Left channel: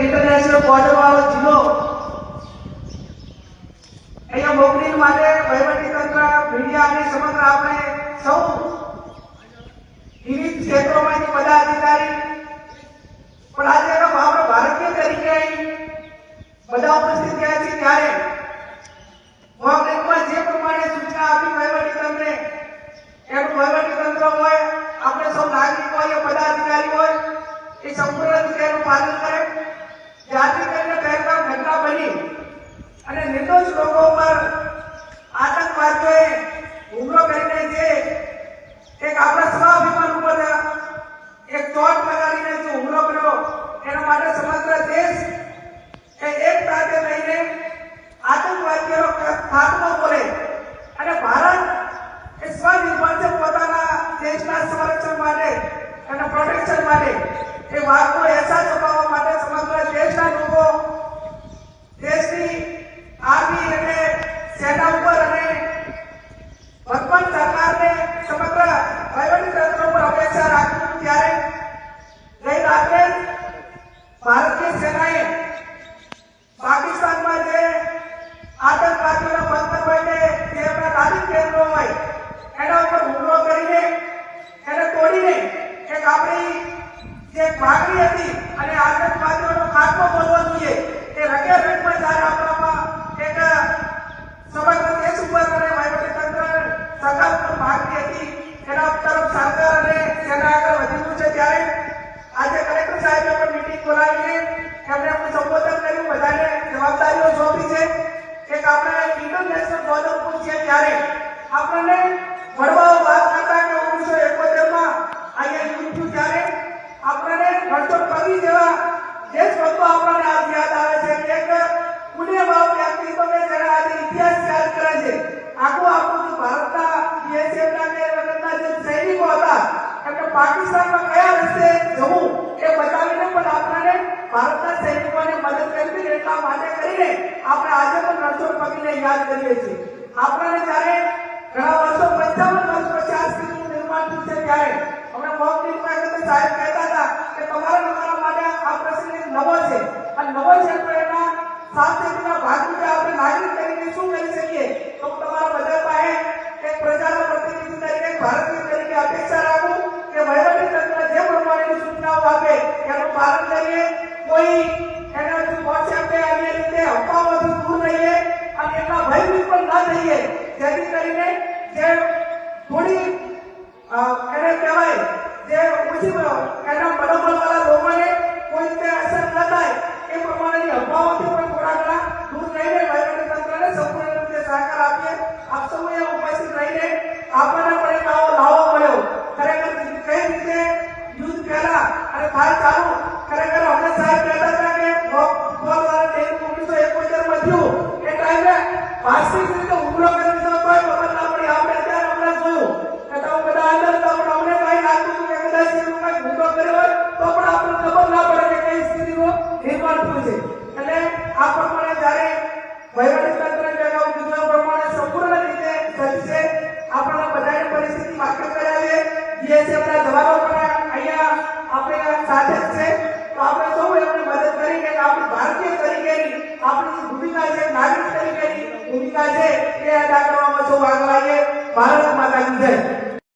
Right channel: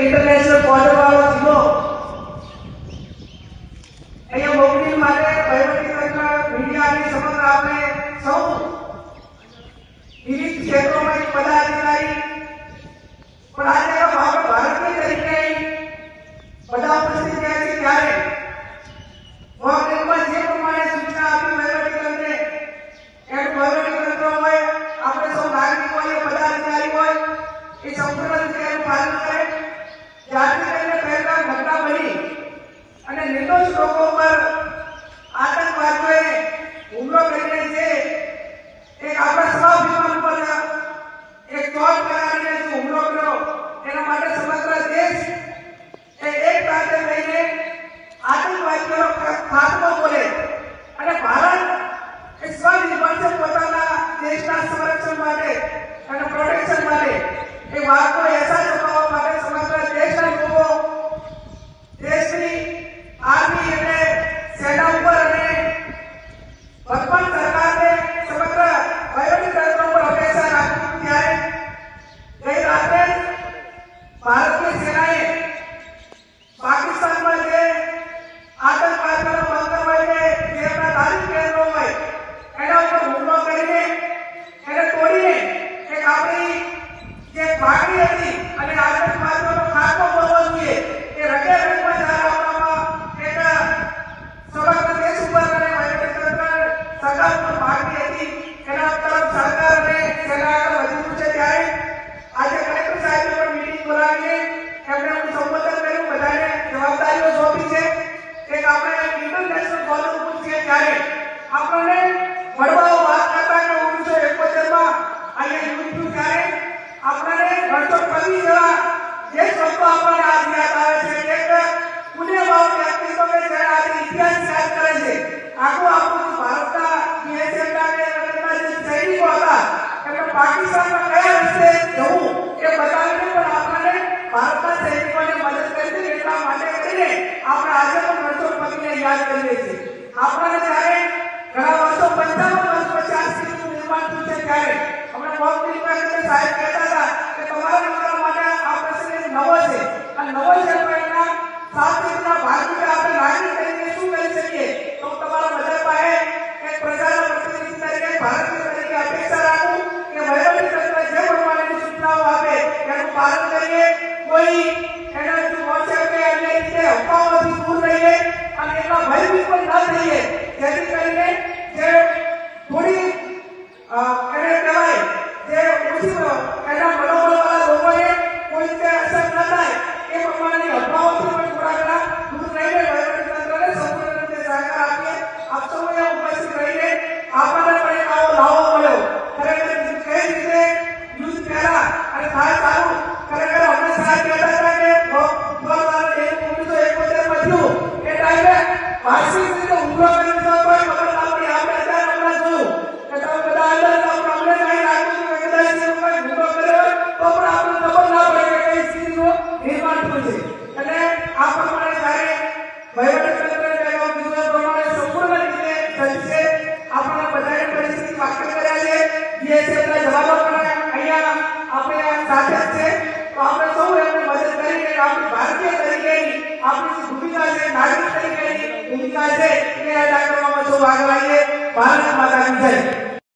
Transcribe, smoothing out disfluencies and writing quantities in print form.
International border वालों जिलो अहिया मोकली माटे वहीवटी तंत्र मीडिया ની સમગ્ર આપણે સૌ વિવિધ ક્ષેત્રોમાં પદાધિકારી પણ આજે આપણે ભારતીય તરીકે બધા ઉપસ્થિત થયા છે ત્યારે મોકલીમાં જે પ્રમાણે સૂચના આપી વહીવટી તંત્રે એનું વહીવટી તંત્ર હોય આપણે સૌ નાગરિકો હોય પદાધિકારી હોય એ સંપૂર્ણ રીતે એનું પાલન કરે જ્યારથી કરીને પહેલગામ ઘટના બની અને નિર્દોષ લોકો પર આતંકવાદીઓએ હુમલો કરીને જે એક આપણા સ્વાભિમાન ઉપર એક ચોટ લગાડીને જે હુમલો કર્યો એના માટે સમગ્ર દેશ એક સાથે થઈને આતંકવાદીઓનો ખાત્મો બોલે અને ભારત એ સ્વનિર્ભર છે પોતાના દેશના સંરક્ષણ માટે અને પ્રોટેક્શન માટે એ વાતનો અહેસાસ અપાવવા માટે સમગ્ર દેશના લોકો દેશની આર્મી અને સેના ઉપર અને વર્તમાન સરકારને સમગ્ર વહીવટી તંત્ર ઉપર અપેક્ષા રાખી ત્યારે ગઈ રાત્રે ભારતીય સેનાએ પાકિસ્તાનમાં જે આતંકવાદીઓનો બંકર હોય જે એમના તાલીમ કેન્દ્રો હોય એના ઉપર હુમલો કરીને એને તોડીને એક આપણી જે માગણી હતી અને આતંકવાદીઓનો ખાત્મો કરવો જોઈએ એ રગે રંગમાં જ્યારે આપણામાં એક સમગ્ર દેશ ઉપર અને વહીવટી તંત્ર સરકાર ઉપર માગણી હતી એના તરફ સરકાર અને સેના આગળ વધી છે ત્યારે આજે કલેક્ટર સાહેબે પણ મીટિંગ બોલાવીને એમણે સંબોધન કર્યું બધાને જવાબદારીઓ સોંપી છે એક આપણે ઇન્ટરનેશનલ બોર્ડર ઉપર છીએ ત્યારે આપણને વડવાઓ વાત કરતા કે 1971 અહીંયા યુદ્ધ થયું ત્યારે આપણને વર્ષો કવિ જેવા જે શબ્દો આપણને આજ યાદ આવે છે એક પુણ્ય ભાવ વ્યક્તિત્વ કે જેને આજે ઇતિહાસ યાદ કરે છે આખું આપણું ભારતના બીએસએફના કે રગતના જે સૈનિકો હતા એમને પાકિસ્તાનમાં કયા રસ્તે જવું એ બતાવીને પણ આપણને ભારતના સૈનિકોને મદદ કરી એટલા માટે કરીને આપણે આજે પણ રણછોડપતિને યાદ કરીએ છીએ આપણને જ્યારે ઘણા વર્ષો 55 વર્ષ પછી આ સ્થિતિનું નિર્માણ થયું છે ત્યારે હમણાં મોકલીમાં સાહેબ કહેતા હતા કે તમારા નંબર માટે આ પ્રસંગ નવો છે અને નવો છે તો એના સાતના ભાગરૂપે આપણે નાગરિક તરીકે શું કરી શકીએ તો તમારા બધા પાસે એક પ્રજાના પ્રતિનિધિ તરીકે ભારતીય તરીકે અપેક્ષા રાખું કે વહીવટી તંત્ર જે પ્રમાણેની સૂચનાઓ આપે એનું પાલન કરીએ કોઈ એને વોટ્સએપ કે અન્ય રીતે અફવાઓથી દૂર રહીએ અને એટલા ભયભીત પણ ન થઈએ જેથી કરીને જે થોડી એને કહેવાય જે ઓછી એના મનોબળવાળા લોકોને કોઈ રીતે અસર ન થાય એ પ્રમાણેની અફવાઓથી પણ થોડા ઘણા દૂર રહીને વહીવટી તંત્રને સંપૂર્ણ રીતે સહકાર આપીએ આપ સૌએ ઉપસ્થિત રહીને આપણને પણ એક આવો લાવો મળ્યો ખરેખર કઈ રીતે યુદ્ધ પહેલા અને થાય ચાલુ ખરેખર હમણાં સાહેબ કહેતા હતા કે દ્વારા 1971 માં થયું એ ટાઈમે વાર્ષિક રીતે હુમલો કરી દીધો તોય ખબર ના પડી આપણે અત્યારે હમણાં જોયું કે તો બધા અંદર તો અમને કઈ લાગતું કે કદાચ એ લોકોએ હુમલો કર્યો હોય તો પણ આપણને ખબર ના પડે કે કઈ સ્થિતિનું નિર્માણ થયું છે અને આ પ્રમાણે જ્યારે વહીવટી તંત્રને કીધું પ્રમાણે સંપૂર્ણ રીતે સજ્જ છે આપણને બધાને પરિસ્થિતિ વાકેફ કર્યા છે બીએસએફના જવાનો પણ અહીંયા આપણે સાથે જ છે તો આપણે સૌ એમને મદદ કરીને આપણી ભારતીય તરીકેની આપણી જે ભૂમિકા છે નાગરિક તરીકેની ભૂમિકા છે એ અદા કરવામાં સૌ આગળ આવીએ ભારત માતા કી જય।